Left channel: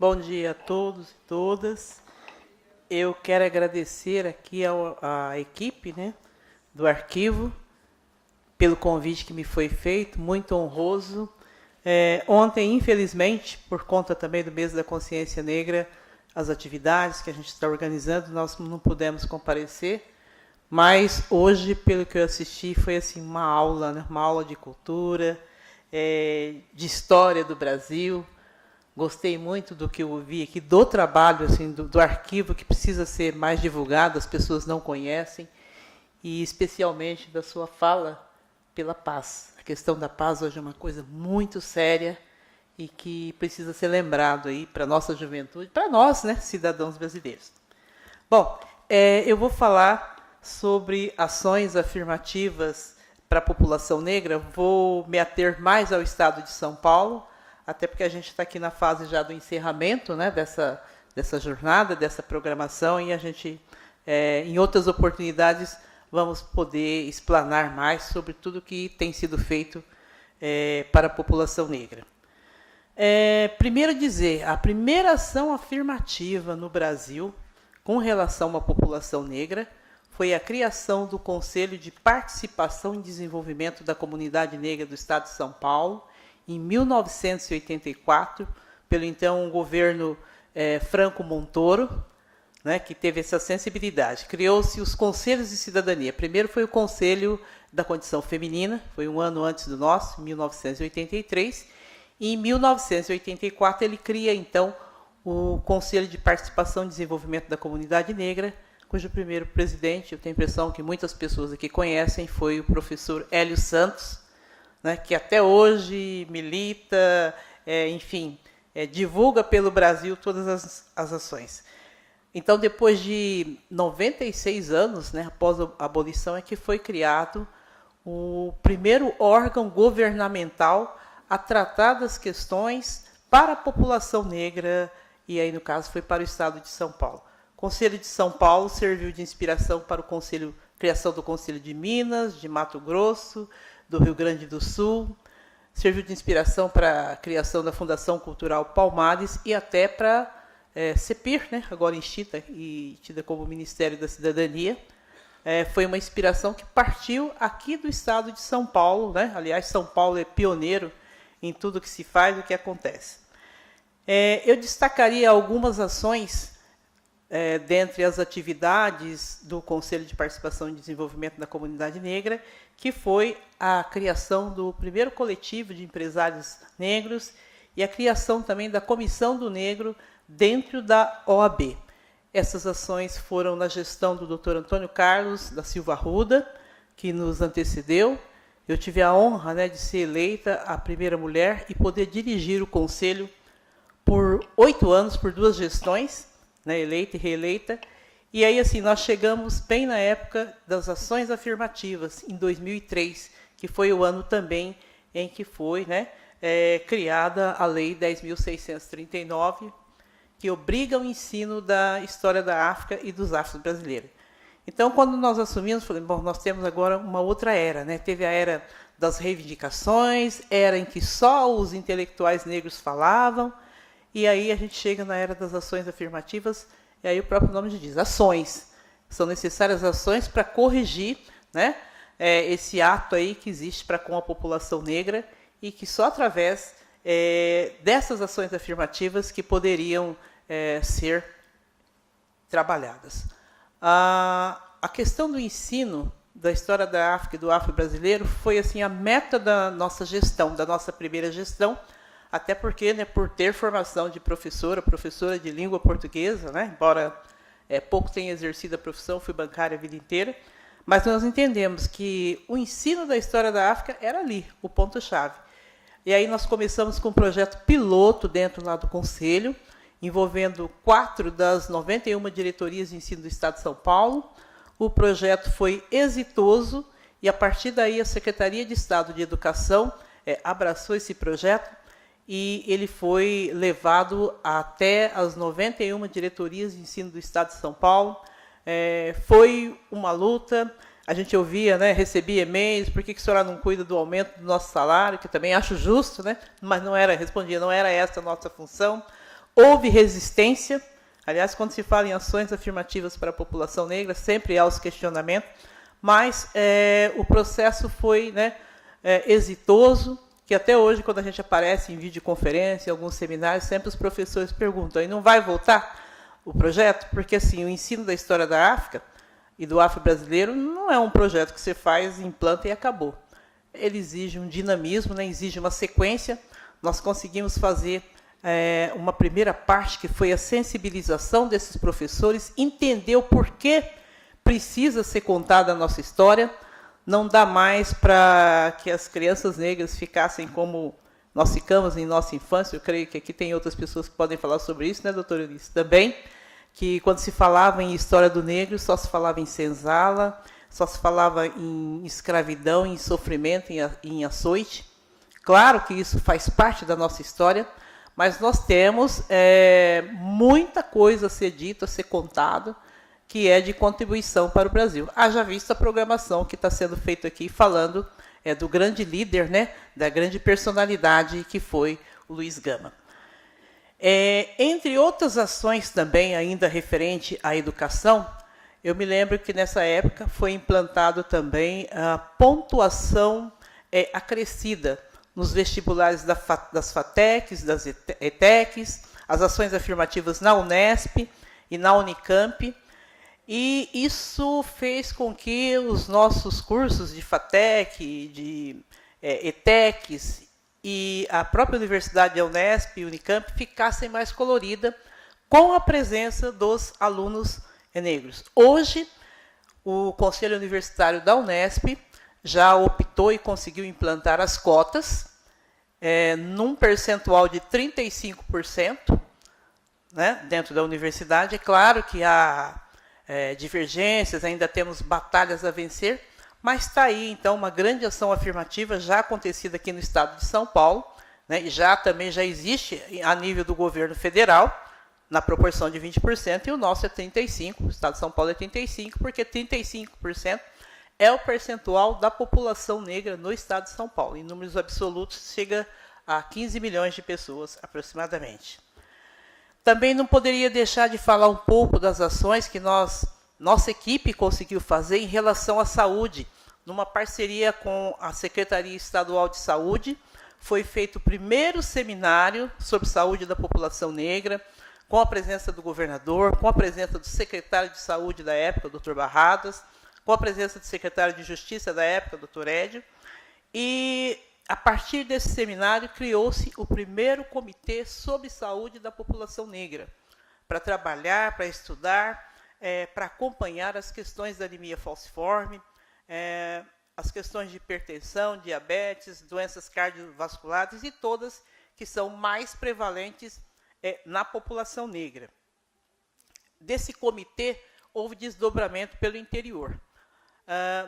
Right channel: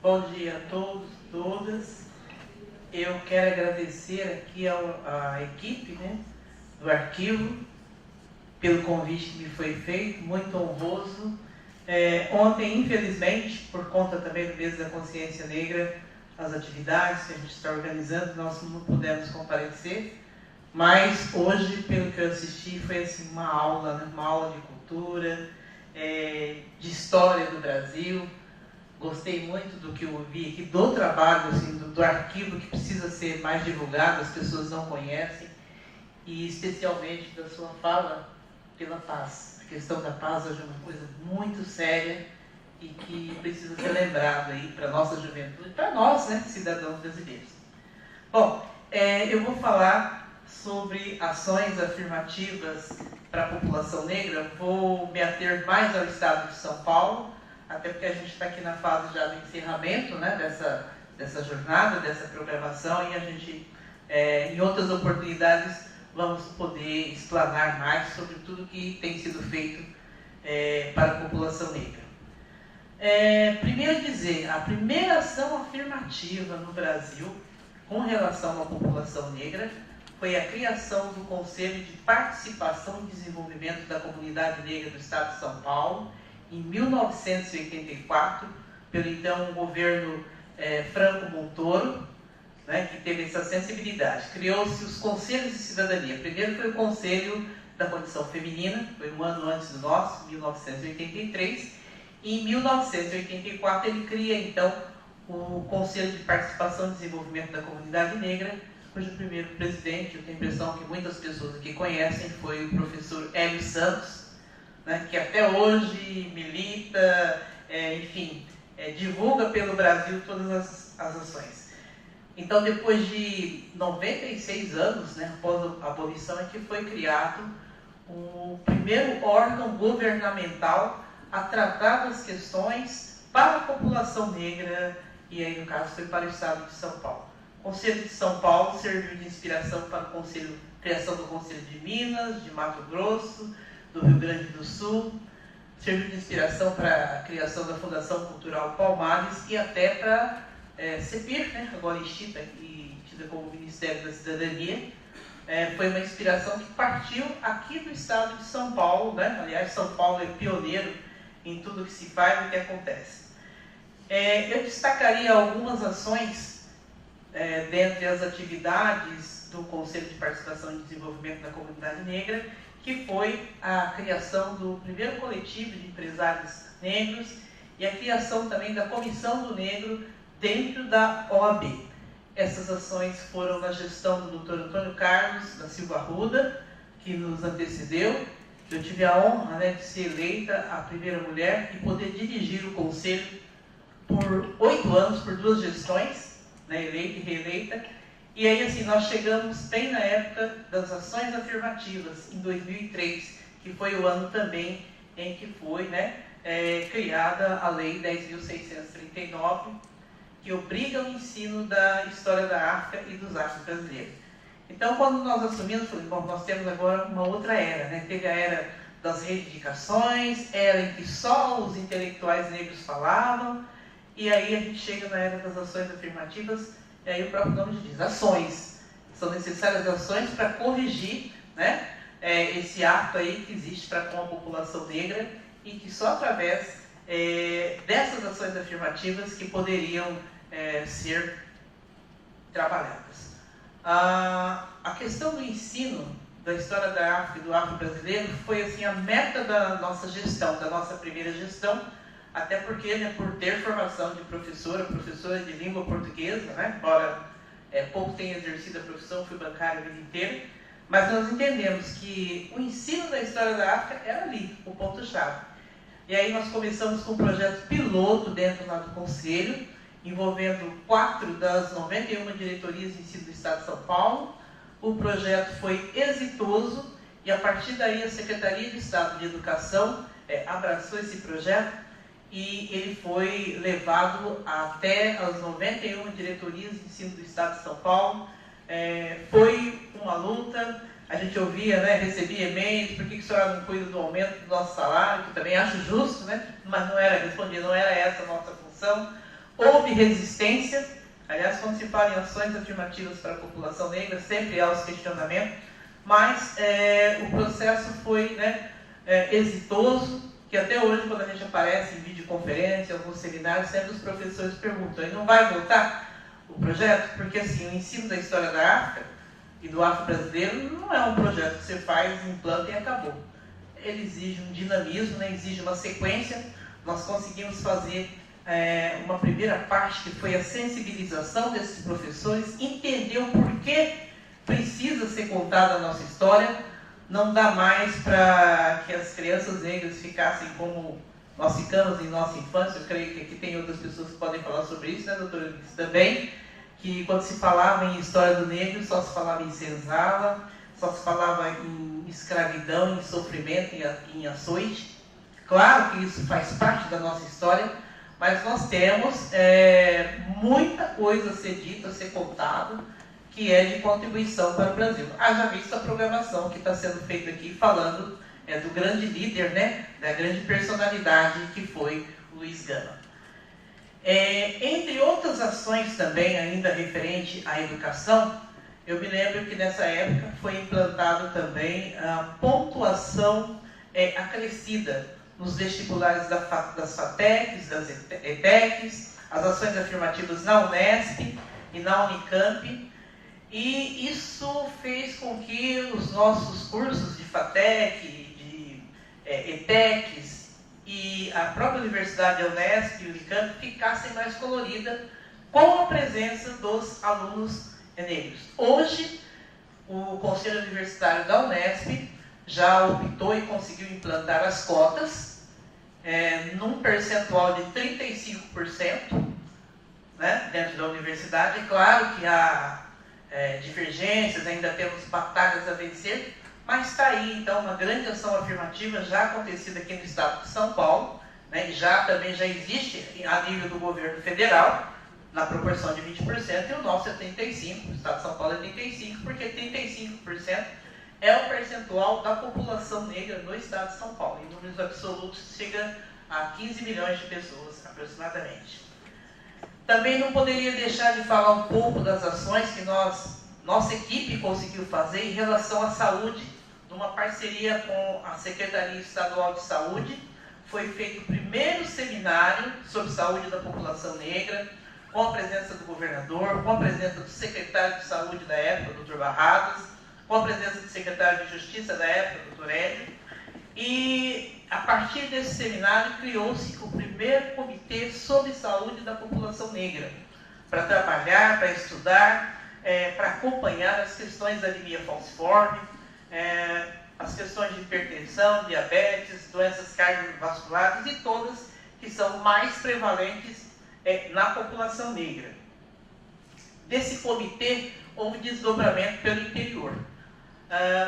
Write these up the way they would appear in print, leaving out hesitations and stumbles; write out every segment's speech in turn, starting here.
Bom dia a todos e todas. Eu quero agradecer aqui à equipe, né, do arquivo pelo convite que me foi feito, muito honroso. Ontem, infelizmente, por conta também do mês da consciência negra, as atividades que a gente está organizando, nós não pudemos comparecer, mas hoje, pelo que eu assisti, foi assim, uma aula, né, uma aula de cultura, de história do Brasil. Gostei muito do que eu ouvi aqui, do trabalho, assim, do arquivo, que precisa ser mais divulgado, as pessoas não conhecem, e especialmente da sua fala pela paz. A questão da paz hoje é uma coisa muito séria e que precisa ser lembrado aí para a nossa juventude, para nós, né, cidadãos brasileiros. Bom, eu vou falar sobre ações afirmativas para a população negra. Vou me ater mais ao estado de São Paulo, até porque a gente está aqui na fase já do encerramento, né, dessa jornada, dessa programação, e a gente, em outras oportunidades, vamos poder explanar mais sobre tudo que tem sido feito para a população negra. Primeiro dizer, a primeira ação afirmativa no Brasil com relação à população negra foi a criação do Conselho de Participação e Desenvolvimento da Comunidade Negra do Estado de São Paulo, em 1984, pelo então governo Franco Montoro, né, que teve essa sensibilidade. Criou-se os Conselhos de Cidadania. Primeiro foi o Conselho da Condição Feminina, foi um ano antes do nosso, 1983, e em 1984 ele cria então o Conselho de Participação e Desenvolvimento da Comunidade Negra, cujo primeiro presidente, eu tenho a impressão que muitas pessoas aqui conhecem, foi o professor Hélio Santos, né, que até hoje milita, divulga pelo Brasil todas as ações. Então, depois de 96 anos, né, após a abolição, é que foi criado o primeiro órgão governamental a tratar das questões para a população negra, e aí, no caso, foi para o estado de São Paulo. O Conselho de São Paulo serviu de inspiração para criação do Conselho de Minas, de Mato Grosso, do Rio Grande do Sul, serviu de inspiração para a criação da Fundação Cultural Palmares e até para CEPIR, né, agora extinta e tida como Ministério da Cidadania. Foi uma inspiração que partiu aqui do estado de São Paulo, né? Aliás, São Paulo é pioneiro em tudo que se faz e o que acontece. Eu destacaria algumas ações dentre as atividades do Conselho de Participação e Desenvolvimento da Comunidade Negra, que foi a criação do primeiro coletivo de empresários negros e a criação também da Comissão do Negro dentro da OAB. Essas ações foram na gestão do Dr. Antônio Carlos da Silva Arruda, que nos antecedeu. Eu tive a honra, né, de ser eleita a primeira mulher e poder dirigir o Conselho por 8 anos, por 2 gestões, né, eleita e reeleita. E aí, assim, nós chegamos bem na época das ações afirmativas, em 2003, que foi o ano também em que foi, né, criada a Lei 10.639, que obriga o ensino da história da África e dos afro-brasileiros. Então, quando nós assumimos, falei, bom, nós temos agora uma outra era, né? Teve a era das reivindicações, era em que só os intelectuais negros falavam, e aí a gente chega na era das ações afirmativas, e aí o próprio nome diz, ações. São necessárias ações para corrigir, né, esse ato aí que existe para com a população negra e que só através dessas ações afirmativas que poderiam ser trabalhadas. A questão do ensino da história da África e do afro-brasileiro foi assim, a meta da nossa gestão, da nossa primeira gestão, até porque, né, por ter formação de professora de língua portuguesa, né, embora pouco tenha exercido a profissão, fui bancária a vida inteira, mas nós entendemos que o ensino da história da África era ali, o ponto-chave. E aí nós começamos com um projeto piloto dentro lá do Conselho, envolvendo 4 das 91 diretorias de ensino do Estado de São Paulo. O projeto foi exitoso e, a partir daí, a Secretaria de Estado de Educação abraçou esse projeto e ele foi levado até as 91 diretorias de ensino do Estado de São Paulo. Foi uma luta, a gente ouvia, né, recebia e-mails, por que a senhora não cuida do aumento do nosso salário, que eu também acho justo, né, mas não era, respondia, não era essa a nossa função. houve resistência. Aliás, quando se fala em ações afirmativas para a população negra, sempre há os questionamentos, mas o processo foi, né, exitoso, que até hoje, quando a gente aparece em videoconferência, em alguns seminários, sempre os professores perguntam, e não vai voltar o projeto? Porque assim, o ensino da história da África e do afro-brasileiro não é um projeto que você faz, implanta e acabou. Ele exige um dinamismo, né, exige uma sequência. Nós conseguimos fazer uma primeira parte, que foi a sensibilização desses professores, entender o porquê precisa ser contada a nossa história. Não dá mais para que as crianças negras ficassem como nós ficamos em nossa infância. Eu creio que aqui tem outras pessoas que podem falar sobre isso, né, doutora Eunice? Também, que quando se falava em história do negro, só se falava em senzala, só se falava em escravidão, em sofrimento, em açoite. Claro que isso faz parte da nossa história, mas nós temos muita coisa a ser dita, a ser contado, que é de contribuição para o Brasil. Haja vista a programação que está sendo feita aqui, falando do grande líder, né, da grande personalidade que foi o Luiz Gama. Entre outras ações também, ainda referente à educação, eu me lembro que nessa época foi implantado também a pontuação acrescida nos vestibulares das FATECs, das ETECs, as ações afirmativas na Unesp e na Unicamp. E isso fez com que os nossos cursos de FATEC, de ETECs e a própria Universidade da Unesp e Unicamp ficassem mais coloridas com a presença dos alunos negros. Hoje, o Conselho Universitário da Unesp já optou e conseguiu implantar as cotas num percentual de 35%, né, dentro da universidade. É claro que há divergências, ainda temos batalhas a vencer, mas está aí, então, uma grande ação afirmativa já acontecida aqui no estado de São Paulo, né, e também já existe a nível do governo federal, na proporção de 20%, e o nosso é 35%, o estado de São Paulo é 35%, porque 35% é o percentual da população negra no estado de São Paulo. Em números absolutos, chega a 15 milhões de pessoas, aproximadamente. Também não poderia deixar de falar um pouco das ações que nossa equipe conseguiu fazer em relação à saúde. Numa parceria com a Secretaria Estadual de Saúde, foi feito o primeiro seminário sobre saúde da população negra, com a presença do governador, com a presença do secretário de saúde da época, Dr. Barradas, com a presença do secretário de Justiça da época, Dr. Édio. E, a partir desse seminário, criou-se o primeiro comitê sobre saúde da população negra, para trabalhar, para estudar, para acompanhar as questões da anemia falciforme, as questões de hipertensão, diabetes, doenças cardiovasculares e todas que são mais prevalentes na população negra. Desse comitê, houve desdobramento pelo interior.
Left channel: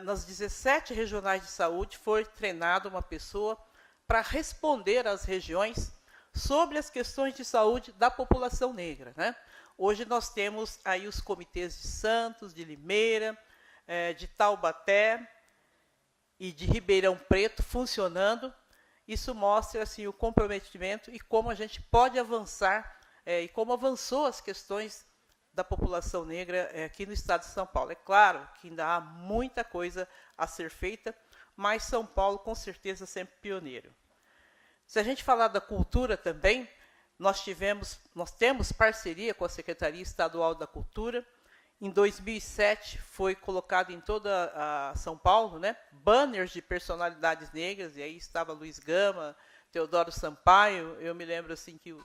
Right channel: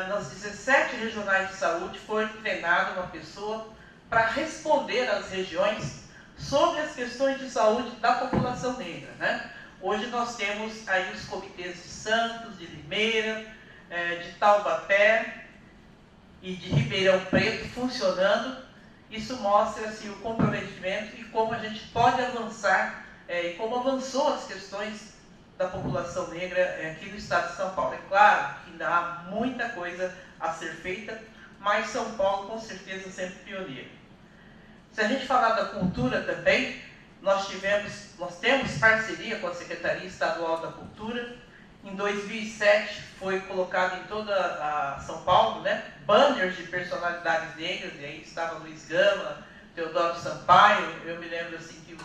Nas 17 regionais de saúde foi treinada uma pessoa para responder às regiões sobre as questões de saúde da população negra, né? Hoje nós temos aí os comitês de Santos, de Limeira, de Taubaté e de Ribeirão Preto funcionando. Isso mostra assim, o comprometimento e como a gente pode avançar, e como avançou as questões da população negra aqui no estado de São Paulo. É claro que ainda há muita coisa a ser feita, mas São Paulo com certeza sempre pioneiro. Se a gente falar da cultura também, nós temos parceria com a Secretaria Estadual da Cultura. Em 2007 foi colocado em toda a São Paulo, né, banners de personalidades negras, e aí estava Luiz Gama, Teodoro Sampaio. Eu me lembro assim que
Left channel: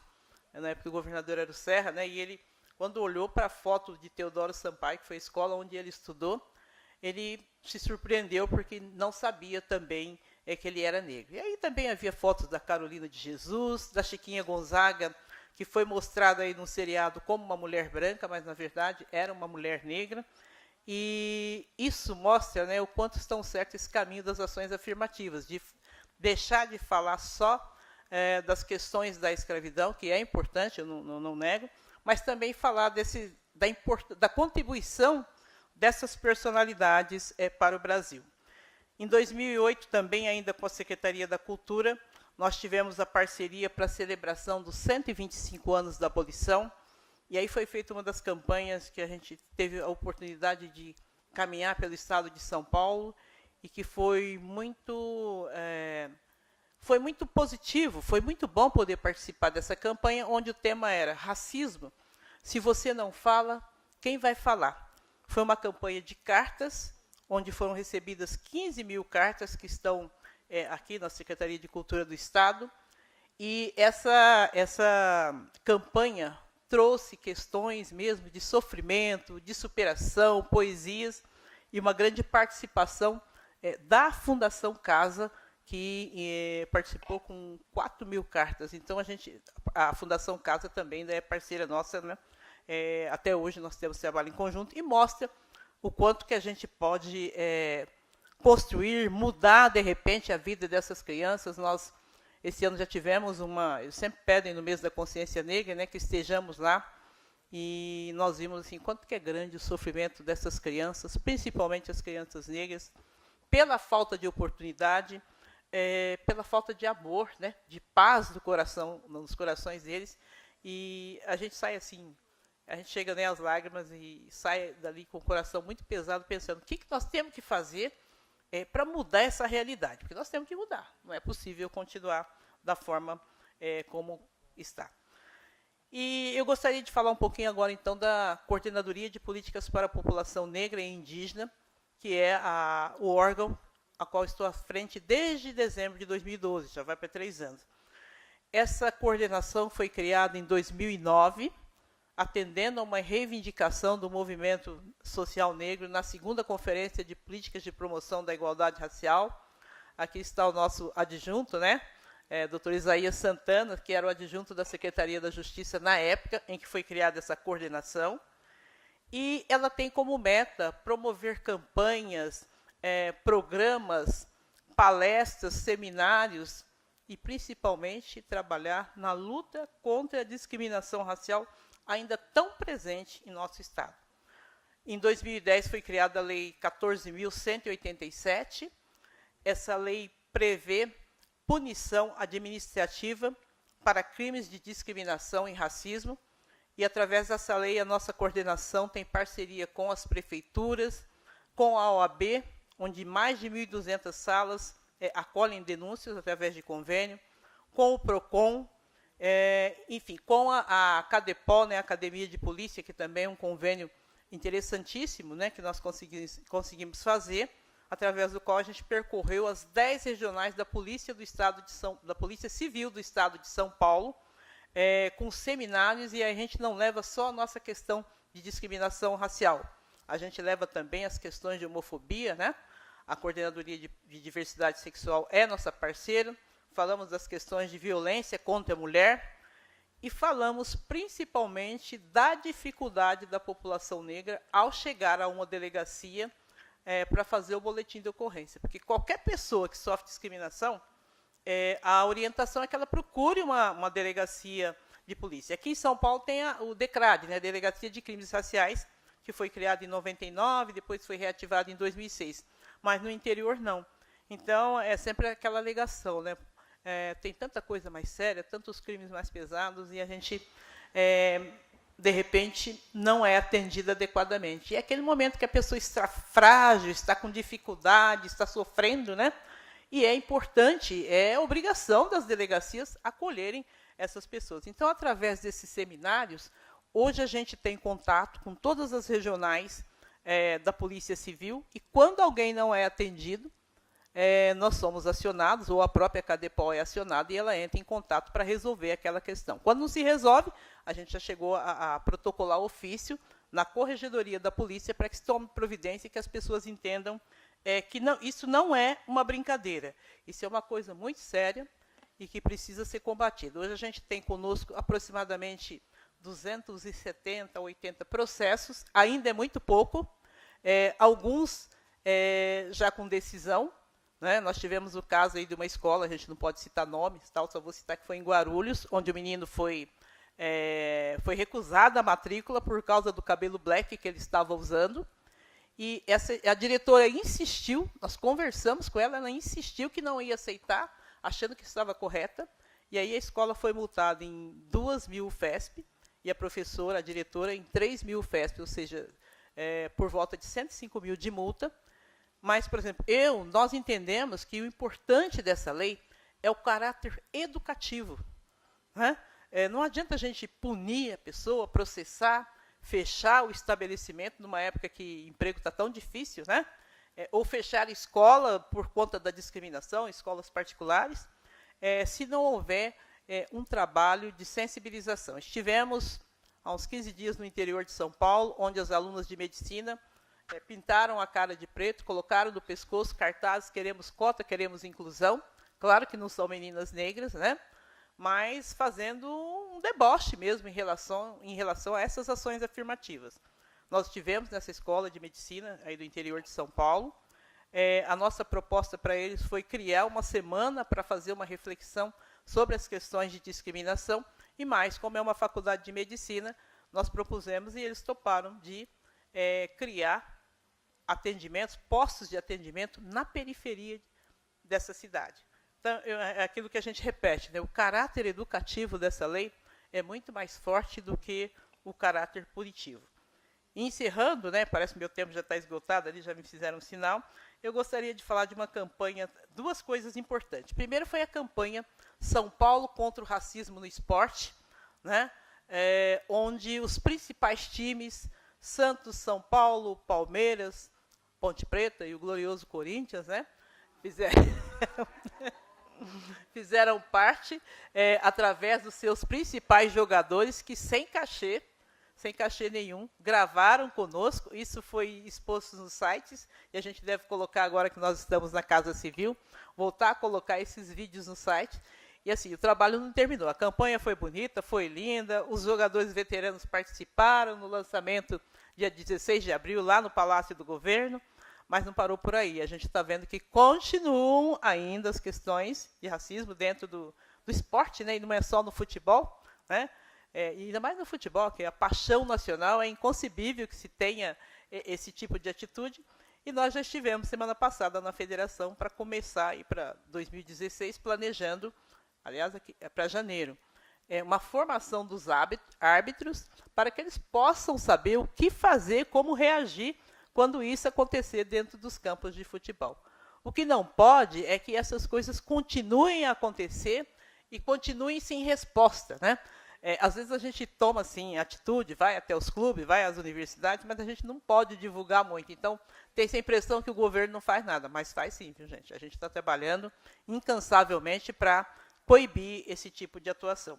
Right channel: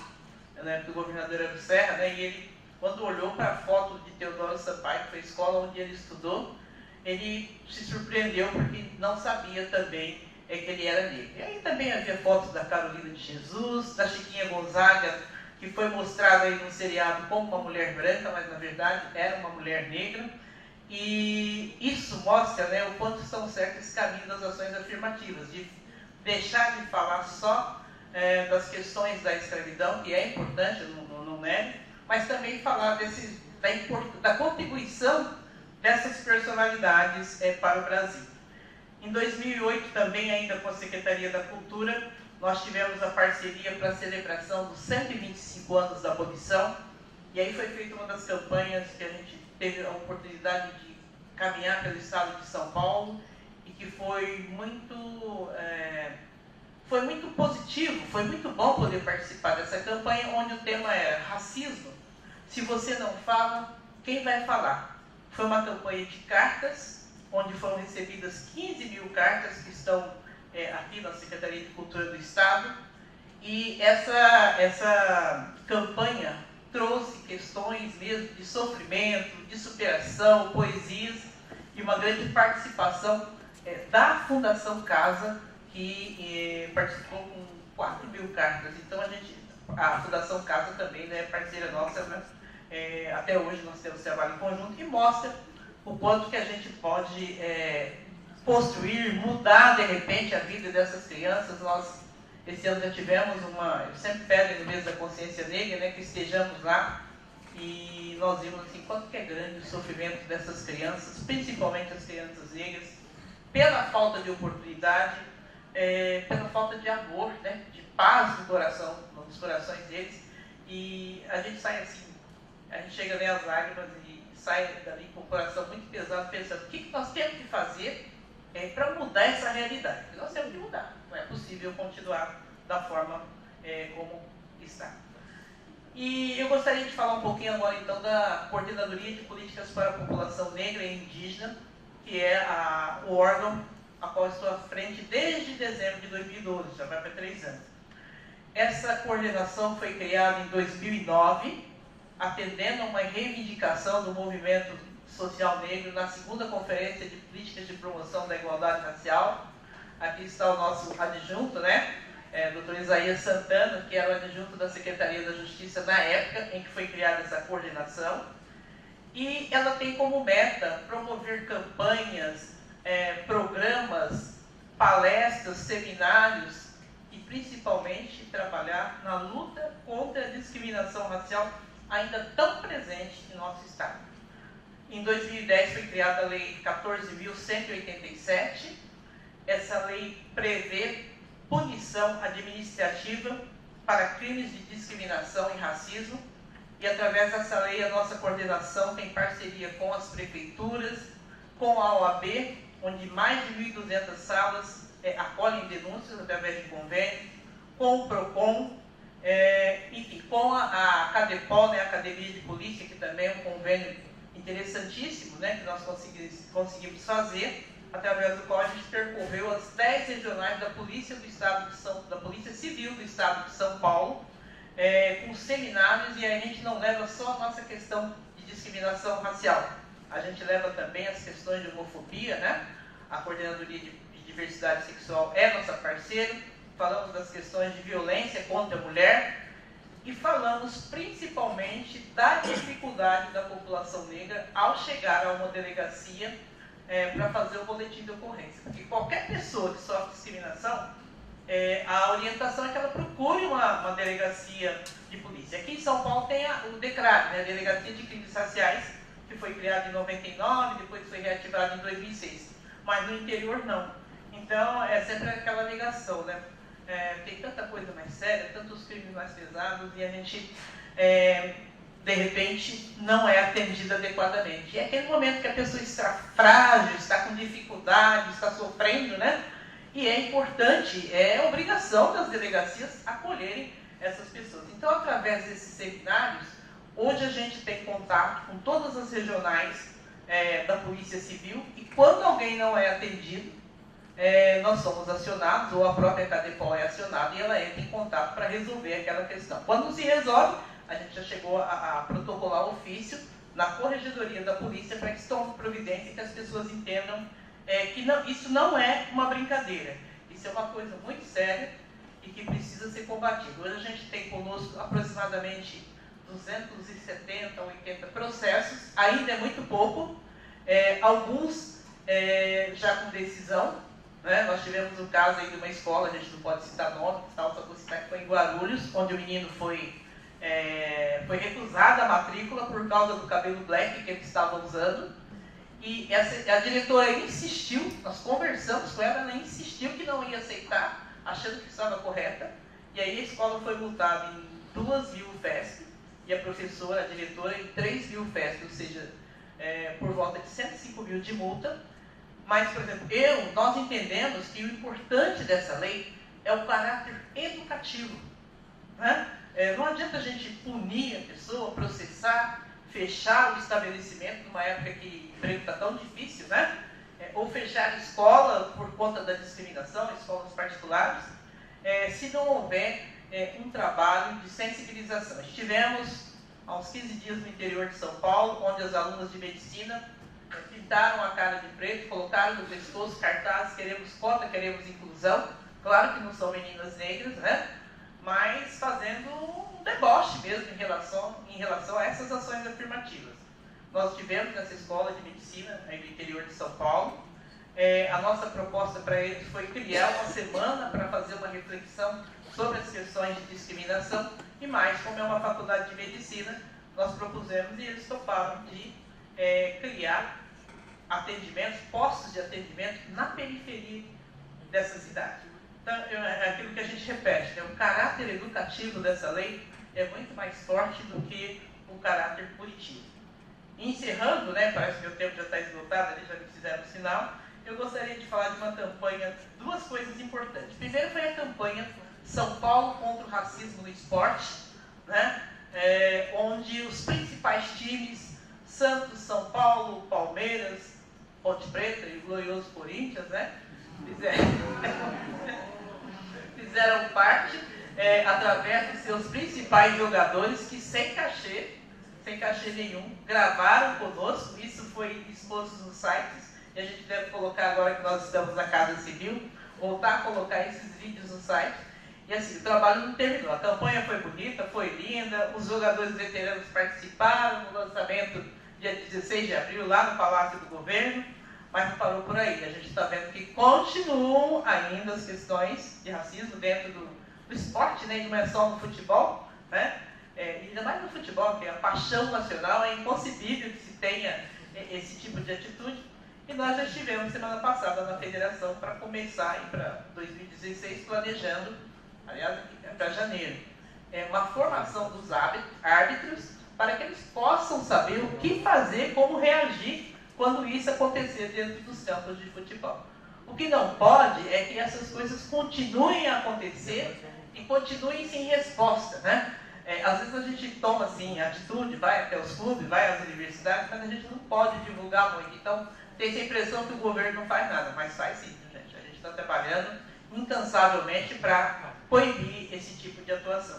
na época do governador era do Serra, né, e ele, quando olhou para a foto de Teodoro Sampaio, que foi a escola onde ele estudou, ele se surpreendeu porque não sabia também que ele era negro. E aí também havia fotos da Carolina de Jesus, da Chiquinha Gonzaga, que foi mostrada aí no seriado como uma mulher branca, mas na verdade era uma mulher negra. E isso mostra, né, o quanto estão certos esse caminho das ações afirmativas, de deixar de falar só das questões da escravidão, que é importante, eu não nego, mas também falar da contribuição dessas personalidades para o Brasil. Em 2008, também ainda com a Secretaria da Cultura, nós tivemos a parceria para a celebração dos 125 anos da abolição, e aí foi feita uma das campanhas que a gente teve a oportunidade de caminhar pelo estado de São Paulo, e que foi muito positivo, foi muito bom poder participar dessa campanha, onde o tema era racismo. Se você não fala, quem vai falar? Foi uma campanha de cartas, onde foram recebidas 15 mil cartas que estão aqui na Secretaria de Cultura do Estado, e essa campanha trouxe questões mesmo de sofrimento, de superação, poesias, e uma grande participação da Fundação Casa, que participou com 4 mil cartas. Então a Fundação Casa também, né, é parceira nossa, né? Até hoje nós temos trabalho em conjunto, e mostra o quanto que a gente pode construir, mudar de repente a vida dessas crianças. Nós esse ano já tivemos eu sempre peço no mês da consciência negra, né, que estejamos lá, e nós vimos assim, quanto que é grande o sofrimento dessas crianças, principalmente as crianças negras, pela falta de oportunidade, pela falta de amor, né, de paz do coração, nos corações deles. E a gente sai assim, a gente chega a ler as lágrimas e sai dali com o coração muito pesado, pensando o que nós temos que fazer para mudar essa realidade. Porque nós temos que mudar, não é possível continuar da forma como está. E eu gostaria de falar um pouquinho agora então da Coordenadoria de Políticas para a População Negra e Indígena, que é o órgão a qual estou à frente desde dezembro de 2012, já vai para 3 anos. Essa coordenação foi criada em 2009, atendendo a uma reivindicação do movimento social negro na 2ª Conferência de Políticas de Promoção da Igualdade Racial. Aqui está o nosso adjunto, né? Dr. Isaías Santana, que era o adjunto da Secretaria da Justiça na época em que foi criada essa coordenação. E ela tem como meta promover campanhas, programas, palestras, seminários e principalmente trabalhar na luta contra a discriminação racial ainda tão presente em nosso Estado. Em 2010 foi criada a Lei 14.187. Essa lei prevê punição administrativa para crimes de discriminação e racismo, e através dessa lei a nossa coordenação tem parceria com as prefeituras, com a OAB, onde mais de 1.200 salas acolhem denúncias através de convênio, com o PROCON, enfim, com a CADEPOL, né, a Academia de Polícia, que também é um convênio interessantíssimo, né, que nós conseguimos fazer, através do qual a gente percorreu as 10 regionais da Polícia da Polícia Civil do Estado de São Paulo, com seminários, e a gente não leva só a nossa questão de discriminação racial, a gente leva também as questões de homofobia, né? A Coordenadoria de Diversidade Sexual é nossa parceira, falamos das questões de violência contra a mulher, e falamos principalmente da dificuldade da população negra ao chegar a uma delegacia para fazer o boletim de ocorrência. Porque qualquer pessoa que sofre discriminação, a orientação é que ela procure uma delegacia de polícia. Aqui em São Paulo tem o DECRAD, né, Delegacia de Crimes Raciais, que foi criado em 99, depois foi reativado em 2006. Mas no interior não. Então é sempre aquela ligação, né? Tem tanta coisa mais séria, tantos crimes mais pesados, e a gente, de repente, não é atendida adequadamente. E é aquele momento que a pessoa está frágil, está com dificuldade, está sofrendo, né? E é importante, é obrigação das delegacias acolherem essas pessoas. Então, através desses seminários, hoje a gente tem contato com todas as regionais da Polícia Civil, e quando alguém não é atendido, nós somos acionados, ou a própria CADEPOL é acionada, e ela entra em contato para resolver aquela questão. Quando não se resolve, a gente já chegou a protocolar ofício na Corregedoria da Polícia para que se tome providência e que as pessoas entendam que isso não é uma brincadeira. Isso é uma coisa muito séria e que precisa ser combatido. Hoje a gente tem conosco aproximadamente 270, 80 processos, ainda é muito pouco, alguns já com decisão, né? Nós tivemos um caso aí de uma escola, a gente não pode citar nomes, tal, só vou citar que foi em Guarulhos, onde o menino foi recusada a matrícula por causa do cabelo black que ele estava usando, E a diretora insistiu, nós conversamos com ela, ela insistiu que não ia aceitar, achando que estava correta, e aí a escola foi multada em 2.000 FESP, e a professora, a diretora, em 3.000 FESP, ou seja, por volta de 105 mil de multa. Mas, por exemplo, nós entendemos que o importante dessa lei é o caráter educativo. Né? Não adianta a gente punir a pessoa, processar, fechar o estabelecimento numa época que o emprego está tão difícil, né? Ou fechar a escola por conta da discriminação, escolas particulares, se não houver um trabalho de sensibilização. Estivemos há uns 15 dias no interior de São Paulo, onde as alunas de medicina pintaram a cara de preto, colocaram no pescoço cartazes: queremos cota, queremos inclusão. Claro que não são meninas negras, né? Mas fazendo um deboche mesmo em relação a essas ações afirmativas. Nós tivemos nessa escola de medicina aí do interior de São Paulo. A nossa proposta para eles foi criar uma semana para fazer uma reflexão sobre as questões de discriminação, e mais, como é uma faculdade de medicina, nós propusemos e eles toparam de criar atendimentos, postos de atendimento na periferia dessa cidade. Então, é aquilo que a gente repete, o caráter educativo dessa lei é muito mais forte do que o caráter punitivo. Encerrando, né, parece que meu tempo já está esgotado, ali já me fizeram um sinal, eu gostaria de falar de uma campanha, duas coisas importantes. Primeiro foi a campanha São Paulo contra o Racismo no Esporte, né, onde os principais times, Santos, São Paulo, Palmeiras, Ponte Preta e o glorioso Corinthians, né, fizeram parte através dos seus principais jogadores que sem cachê nenhum, gravaram conosco. Isso foi exposto nos sites e a gente deve colocar, agora que nós estamos na Casa Civil, voltar a colocar esses vídeos no site. E assim, o trabalho não terminou, a campanha foi bonita, foi linda, os jogadores veteranos participaram no lançamento dia 16 de abril lá no Palácio do Governo. Mas não parou por aí. A gente está vendo que continuam ainda as questões de racismo dentro do esporte, né? E não é só no futebol, né? E ainda mais no futebol, que é a paixão nacional, é inconcebível que se tenha esse tipo de atitude. E nós já estivemos semana passada na federação para começar para 2016, planejando, aliás, para janeiro, uma formação dos árbitros para que eles possam saber o que fazer, como reagir quando isso acontecer dentro dos campos de futebol. O que não pode é que essas coisas continuem a acontecer e continuem sem resposta, né? Às vezes a gente toma assim atitude, vai até os clubes, vai às universidades, mas a gente não pode divulgar muito. Então tem essa impressão que o governo não faz nada, mas faz sim, gente. A gente está trabalhando incansavelmente para proibir esse tipo de atuação.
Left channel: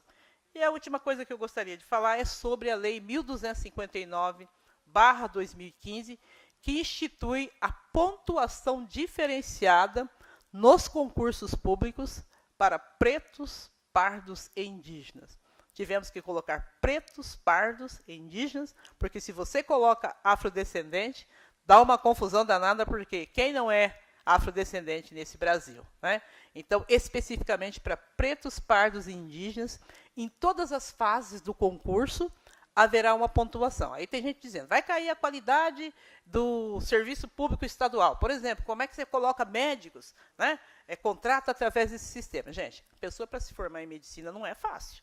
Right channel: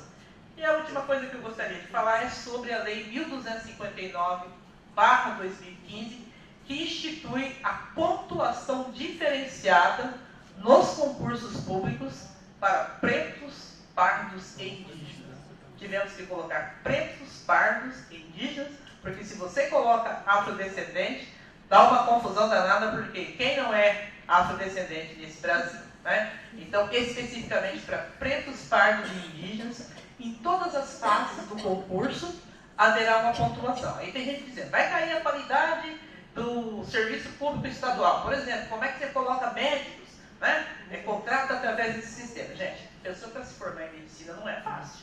E a última coisa que eu gostaria de falar é sobre a Lei 1259/2015, que institui a pontuação diferenciada nos concursos públicos para pretos, pardos e indígenas. Tivemos que colocar pretos, pardos e indígenas, porque se você coloca afrodescendente, dá uma confusão danada, porque quem não é afrodescendente nesse Brasil, né? Então, especificamente para pretos, pardos e indígenas, em todas as fases do concurso, haverá uma pontuação. Aí tem gente dizendo, vai cair a qualidade do serviço público estadual. Por exemplo, como é que você coloca médicos, né? Contrata através desse sistema. Gente, pessoa para se formar em medicina não é fácil,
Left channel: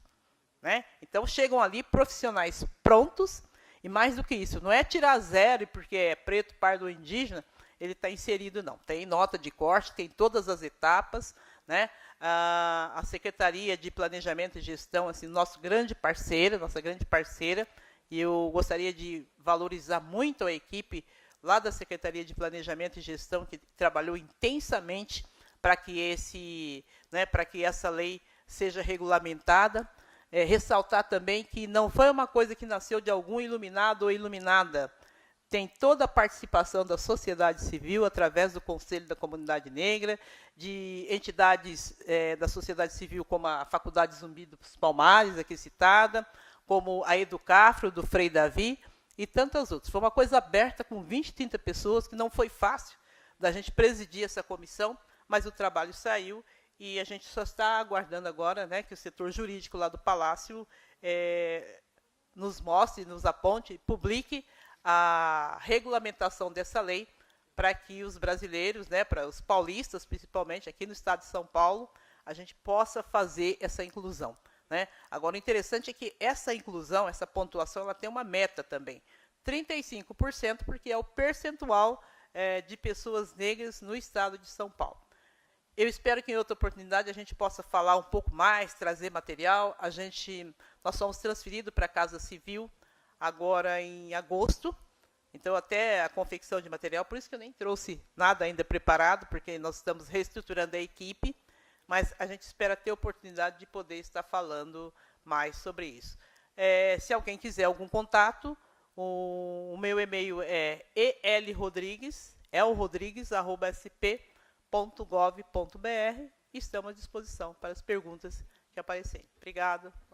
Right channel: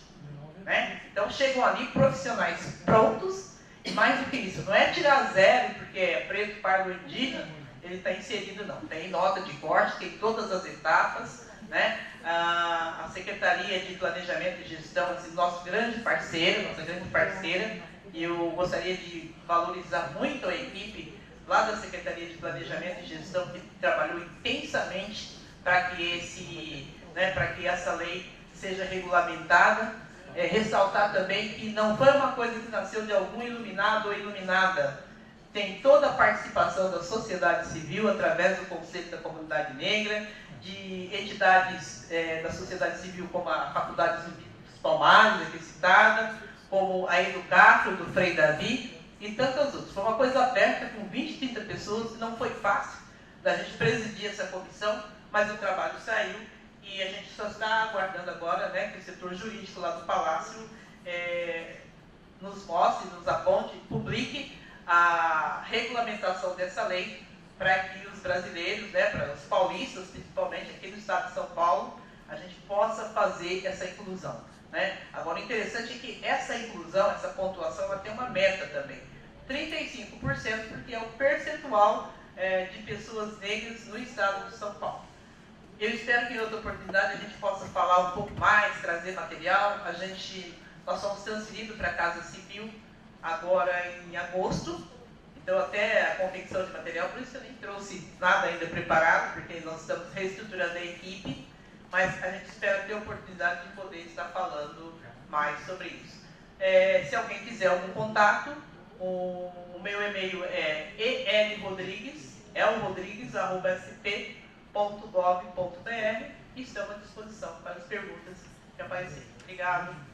né? Então chegam ali profissionais prontos, e mais do que isso, não é tirar zero porque é preto, pardo ou indígena, ele está inserido, não. Tem nota de corte, tem todas as etapas, né? A Secretaria de Planejamento e Gestão, esse nosso grande parceiro, nossa grande parceira, e eu gostaria de valorizar muito a equipe lá da Secretaria de Planejamento e Gestão, que trabalhou intensamente para que essa lei seja regulamentada. Ressaltar também que não foi uma coisa que nasceu de algum iluminado ou iluminada. Tem toda a participação da sociedade civil, através do Conselho da Comunidade Negra, de entidades da sociedade civil, como a Faculdade Zumbi dos Palmares, aqui citada, como a Educafro, do Frei Davi, e tantas outras. Foi uma coisa aberta, com 20, 30 pessoas, que não foi fácil da gente presidir essa comissão, mas o trabalho saiu, e a gente só está aguardando agora, né, que o setor jurídico lá do Palácio nos mostre, nos aponte, publique a regulamentação dessa lei para que os brasileiros, né, para os paulistas principalmente, aqui no estado de São Paulo, a gente possa fazer essa inclusão, né? Agora, o interessante é que essa inclusão, essa pontuação, ela tem uma meta também. 35%, porque é o percentual de pessoas negras no estado de São Paulo. Eu espero que em outra oportunidade a gente possa falar um pouco mais, trazer material. Nós somos transferidos para a Casa Civil agora em agosto, então até a confecção de material, por isso que eu nem trouxe nada ainda preparado, porque nós estamos reestruturando a equipe, mas a gente espera ter a oportunidade de poder estar falando mais sobre isso. Se alguém quiser algum contato, o meu e-mail é elrodrigues@sp.gov.br e estamos à disposição para as perguntas que aparecerem. Obrigado.